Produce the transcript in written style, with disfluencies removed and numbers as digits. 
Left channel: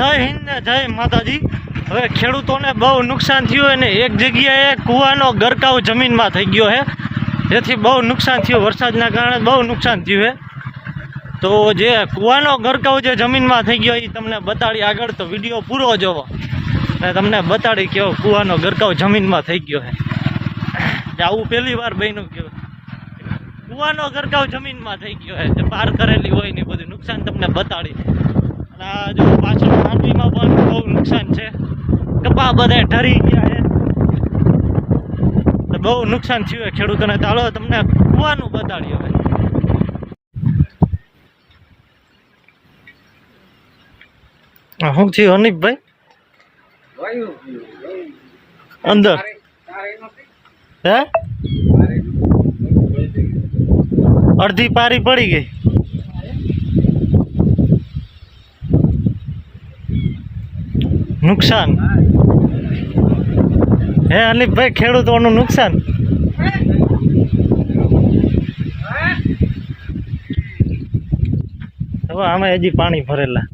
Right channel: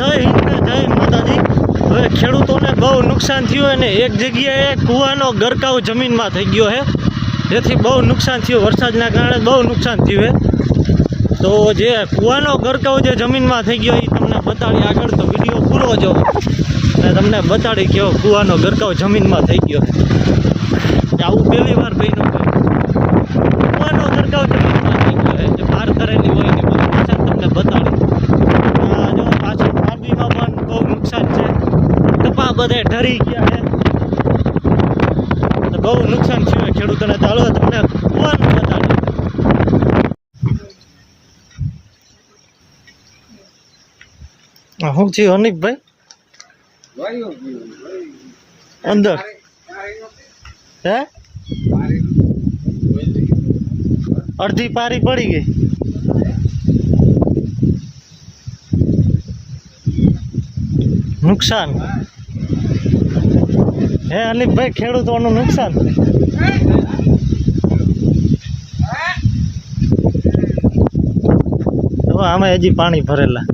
જય હિન્દ ને જય માતાજી। હવે ખેડૂતોને બહુ નુકસાન થયું અને એક જગ્યાએ કૂવાનો ગરકાવ જમીનમાં થઈ ગયો છે, જેથી બહુ નુકસાન થયું। વરસાદના કારણે બહુ નુકસાન થયું છે। તો જે કૂવાનો ગરકાવ જે જમીનમાં થઈ ગયો એ તમને બતાડી આગળ, તો વિડીયો પૂરો જોવો અને તમને બતાડી કે કૂવાનો ગરકાવ જમીનમાં થઈ ગયો છે। આવું પહેલી વાર બન્યું છે, કૂવાનો ગરકાવ જમીનમાં થઈ ગયો છે। જે પાર કરેલી હોય ને બધું નુકસાન તમને બતાડી। આ જો પાછળ માંડવીમાં પણ બહુ નુકસાન છે, કપા બધા ઢરી ગયા છે, તો બહુ નુકસાન થયું છે ખેડૂતોને। ચાલો તમને કૂવાનું બતાડી। શું થયું હનીફભાઈ અંદર હે અડધી પારી પડી ગઈ। નુકસાન હે હનીફભાઈ, ખેડૂતોનું નુકસાન। આમાં હજી પાણી ભરેલા।